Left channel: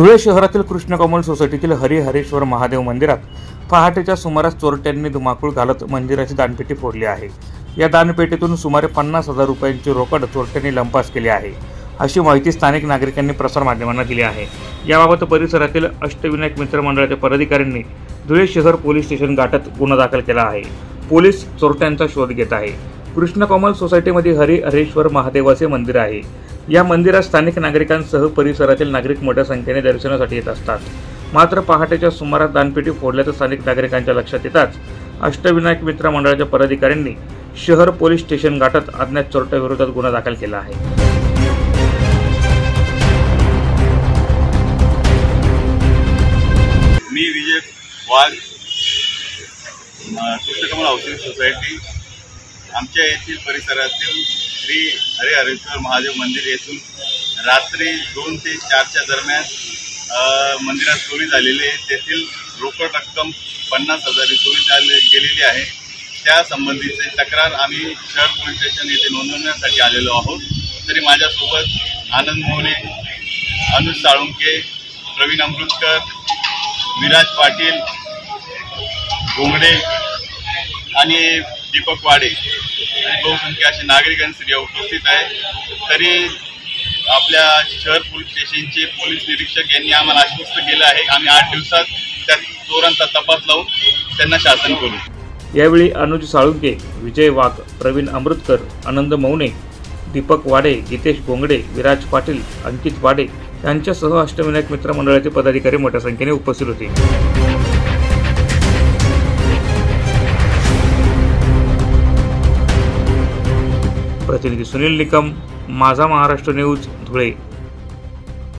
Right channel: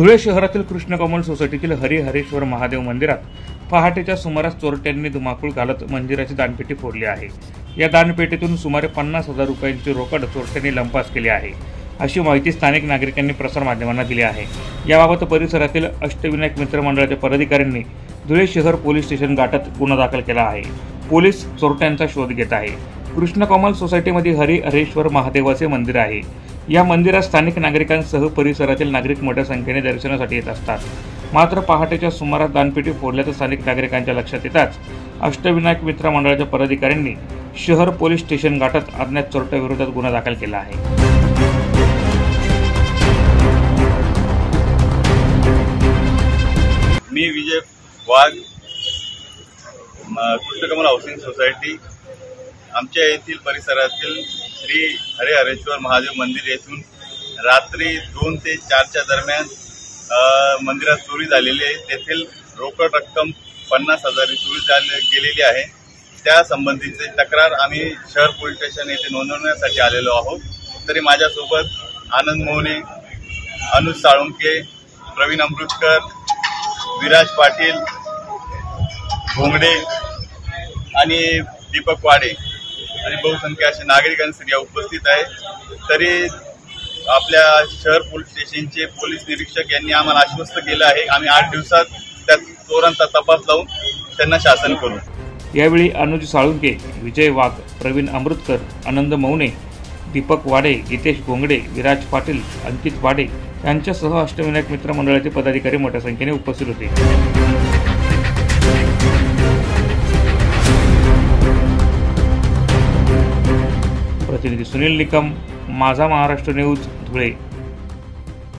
धुळे शहरातील कृष्णकमल सोसायटीतील हरिहरेश्वर महादेव मंदिरात पहाटेच्या सुमारास चोरट्यांनी धुमाकूळ घालत मंदिराची दानपेटी फोडली आहे। या दानपेटीतून सुमारे 50,000 रुपयांची रोकड चोरट्यांनी लंपास केली आहे, अशी माहिती स्थानिक नागरिकांनी प्रसारमाध्यमांना दिली आहे। याबाबत परिसरातील अष्टविनायक मित्र मंडळाच्या पदाधिकाऱ्यांनी धुळे शहर पोलीस स्टेशन गाठत गुन्हा दाखल केला आहे। पोलीस चोरट्यांचा शोध घेत आहे। कृष्णकमल सोसायटीमध्ये हरिहरेश्वर महादेवाचे मंदिर आहे। या मंदिरात स्थानिक नागरिकांसह परिसरातील नागरिक मोठ्या संख्येने दर्शनासाठी येत असतात। मात्र पहाटेच्या सुमारास दानपेटी फोडल्याचं स्थानिक नागरिकांच्या लक्षात येताच अष्टविनायक मित्र मंडळाच्या पदाधिकाऱ्यांनी शहर पोलीस स्टेशन गाठत अज्ञात चोरट्याविरोधात गुन्हा दाखल केला आहे। मी विजय वाघ, कृष्णकमल हाऊसिंग सोसायटी आमच्या येथील परिसरातील श्री हरिहरेश्वर महादेव मंदिर येथून रात्री 2 ते 4च्या दरम्यान मंदिरात चोरी झालेली आहे। तेथील रोकड रक्कम 50,000 चोरी गेलेली आहे। त्या संबंधीची तक्रार आम्ही शहर पोलीस स्टेशन येथे नोंदवण्यासाठी आलेलो आहोत। तरी माझ्यासोबत आनंद मोहने, अनुज साळुंके, प्रवीण अमृतकर, विराज पाटील, घोंगडे आणि दीपक वाडे आणि बहुसंख्य असे नागरिक आणि स्त्रिया उपस्थित आहे। तरी आपल्या शहर पोलीस स्टेशनचे पोलीस निरीक्षक यांनी आम्हाला आश्वस्त केलं आहे, आम्ही 8 दिवसात त्या चोरांचा तपास लावून त्यांना शासन करू। यावेळी अनुज साळुंके, विजय वाघ, प्रवीण अमृतकर, आनंद मौने, दीपक वाडे, गीतेश घोंगडे, विराज पाटील, अंकित वाडे यांच्यासह अष्टविनायक मित्र मंडळाचे पदाधिकारी मोठ्या संख्येने उपस्थित होते। प्रतिनिधी सुनील निकम, माझा महाराष्ट्र न्यूज, धुळे।